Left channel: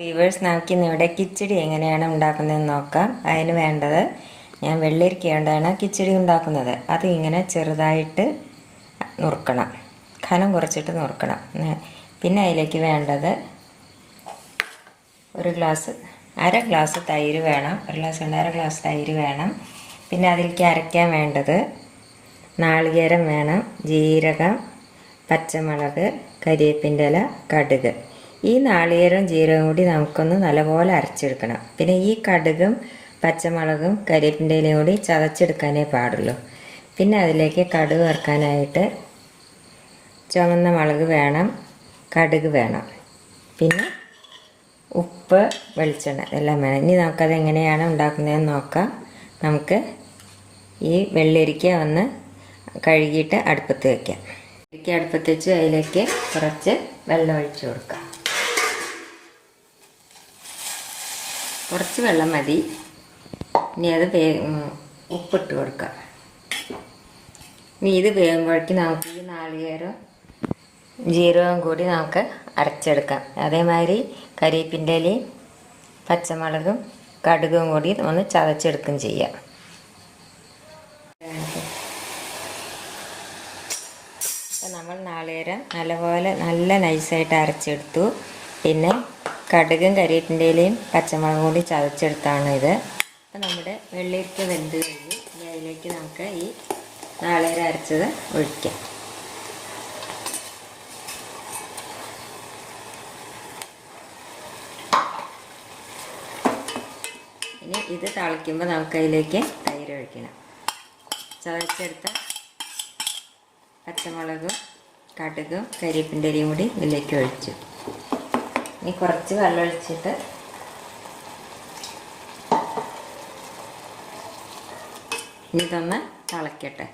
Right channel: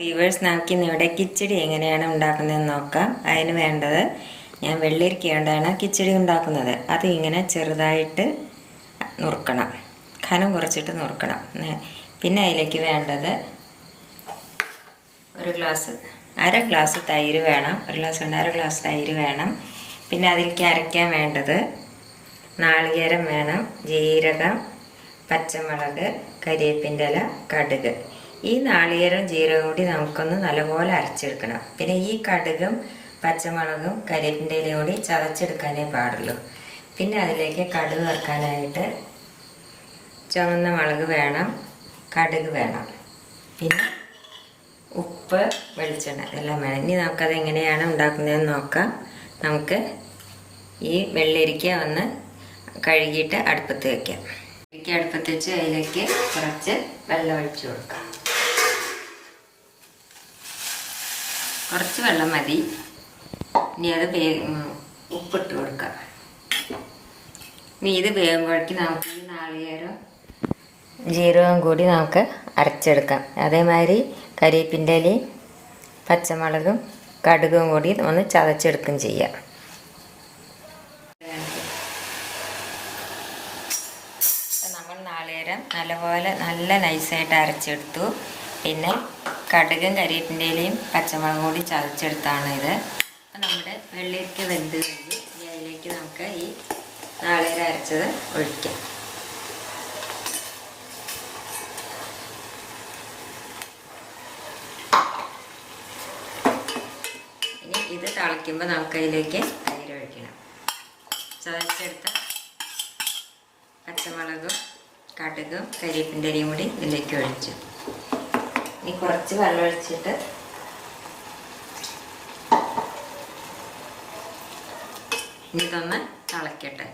Viewers, നമുക്കിന്നിവിടെ കിച്ചടി എങ്ങനെയാണ് ഉണ്ടാക്കുന്നതെന്ന് നോക്കാം. അതിന് വേണ്ടത്, ഞാൻ വെള്ളരിക്ക കൊണ്ടാണ് കിച്ചടി ഉണ്ടാക്കുന്നത്. അത് ഇങ്ങനെ ചെറുതായിട്ട് നുറുക്കണം, കനം കുറച്ചിട്ട് നുറുക്കണം. പിന്നെ അതിലേക്ക് വേണ്ടത് അര ഗ്ലാസ് തൈര് വേണം. അര ഗ്ലാസ് തൈര് വേണം. പിന്നെ അതിലേക്ക് അരയ്ക്കാൻ വേണ്ടത് നാളികേരം വേണം, ജീരകം, പച്ചമുളക്, കരിവേപ്പിൻ്റെ ഇല, കടുക്. ഈ നാളികേരവും ജീരകവും കൂടി നമുക്കൊന്ന് നല്ലപോലെ അരച്ചെടുക്കണം. പിന്നെ ഈ കടുകും പച്ചമുളകും കരിവേപ്പിൻ്റെ ഇലയും കൂടി ചതച്ചെടുക്കാനേ പാടുള്ളൂ. പിന്നെ അതിലേക്ക് കടുക് വറുക്കാനായിട്ട് ചുവന്ന മുളക് വേണം, കടുക് വേണം, പിന്നെ ഉപ്പ്, വെളിച്ചെണ്ണ എല്ലാം വേണം. ഇനി നമുക്കത് എങ്ങനെയാണ് ഉണ്ടാക്കുന്നതെന്ന് നോക്കാം. നമുക്ക് ഈ വെള്ളരിക്ക ഒന്ന് കഴുകിയിട്ട് അടുപ്പത്ത് വയ്ക്കാം. അടുപ്പത്ത് വെച്ച് അതിലേക്ക് കുറച്ച് വെള്ളം ഒഴിച്ചു കൊടുക്കാം. കുറച്ച് വെള്ളം മതി. ഇനി അത് ഉപ്പിട്ട് കൊടുക്കാം. ഇനി ഇത് വേകുമ്പോഴേക്ക് നമുക്ക് ഈ നാളികേരം ജീരകവും കൂടി നമുക്ക് അരച്ചെടുക്കാം. അതേമാതിരി കരിവേപ്പിൻ്റെ ഇലയും പച്ചമുളകും കടുകും കൂടി ഒന്ന് ചതച്ചെടുക്കുകയും ചെയ്യാം. നമ്മൾ നാളികേരം നല്ല നൈസായിട്ട് അരച്ചെടുത്തു. പിന്നെ കടുകും കരിവേപ്പിൻ്റെ ഇലയും പച്ചമുളകും കൂടി ചതച്ചെടുത്താണ് ഇത്. അപ്പം നമ്മുടെ വെള്ളരിക്ക വെന്ത് കഴിഞ്ഞ് ഇനി അതിലേക്ക് നമുക്ക് ഈ നാളികേരം അരച്ചത് ഒഴിക്കാം. ഇനി ഇത് തിളയ്ക്കുമ്പോൾ നമുക്ക് അതിലേക്ക് തൈര് ഒഴിക്കണം. ചതച്ചെടുത്ത പച്ചമുളകും കടുകും കരിവേപ്പിൻ്റെ ഇലയും കൂടി ഇതിലേക്ക് ഒഴിച്ചു. ഇനി കുറച്ച് വെള്ളം ഒഴിച്ചിട്ട് ഇതൊന്ന് തിളയ്ക്കട്ടെ.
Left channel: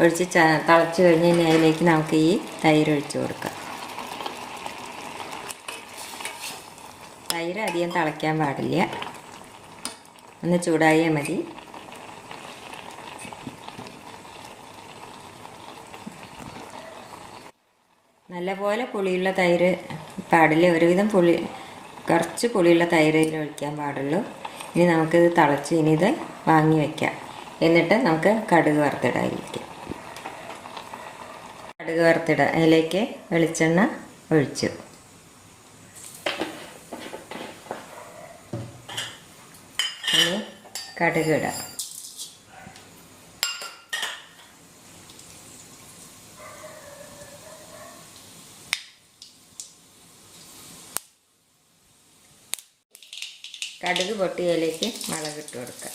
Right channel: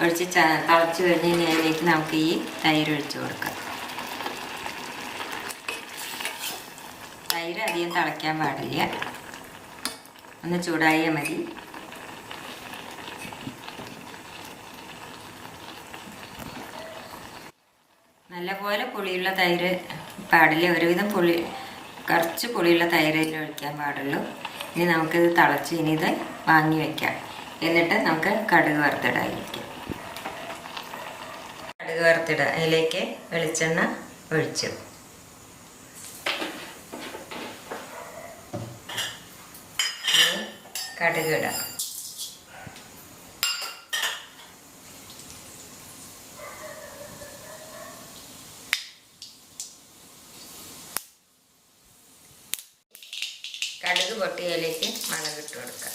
ഒഴിച്ച് തിളച്ച് കഴിഞ്ഞ് ഇനി അതിലേക്ക് നമുക്ക് ഈ തൈര് ഒഴിച്ച് കൊടുക്കാം. തൈര് അധികം തിളയ്ക്കാൻ പാടില്ല, ഒന്ന് ചൂടായാൽ മതി. നല്ലപോലെ പുളിയുള്ള തൈര് പാടില്ല, ഒരുവിധം കുറച്ച് പുളിയുള്ള തൈര് ഒഴിക്കാൻ പാടുള്ളൂ. ഇനി നമുക്കിത് തിളച്ച് ഇനി ഇത് വാങ്ങി വയ്ക്കാം. എന്നിട്ട് നമുക്ക് കടുക് വറുത്തിടാതിരിക്കാം. കടുക് വറുത്തിടാം. അതിലേക്ക് വെളിച്ചെണ്ണ ഒഴിച്ചു. ഇനി കടുക് ഇടാം. കടുക് പൊട്ടിയതിലേക്ക് മുളക് ഇട്ട് കൊടുക്കാം.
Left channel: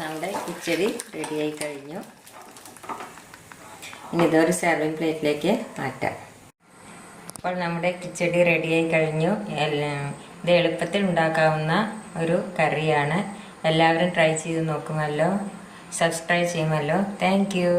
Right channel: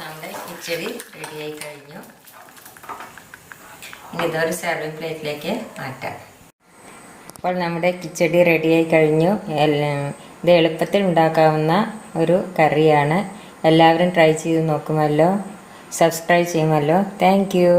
നമ്മുടെ കിച്ചടി റെഡിയായി കഴിഞ്ഞു. ഇനി ഇതൊരു സെർവിങ് പ്ലേറ്റിലേക്ക് മാറ്റാം. അപ്പോൾ നമ്മുടെ കിച്ചടി റെഡിയായി കഴിഞ്ഞു. ഇത് എളുപ്പത്തിൽ ഉണ്ടാക്കാവുന്ന ഒരു കറിയാണ്. എല്ലാവരും ട്രൈ ചെയ്ത് നോക്കുമല്ലോ, സബ്സ്ക്രൈബ് ചെയ്യുമല്ലോ. Thank you.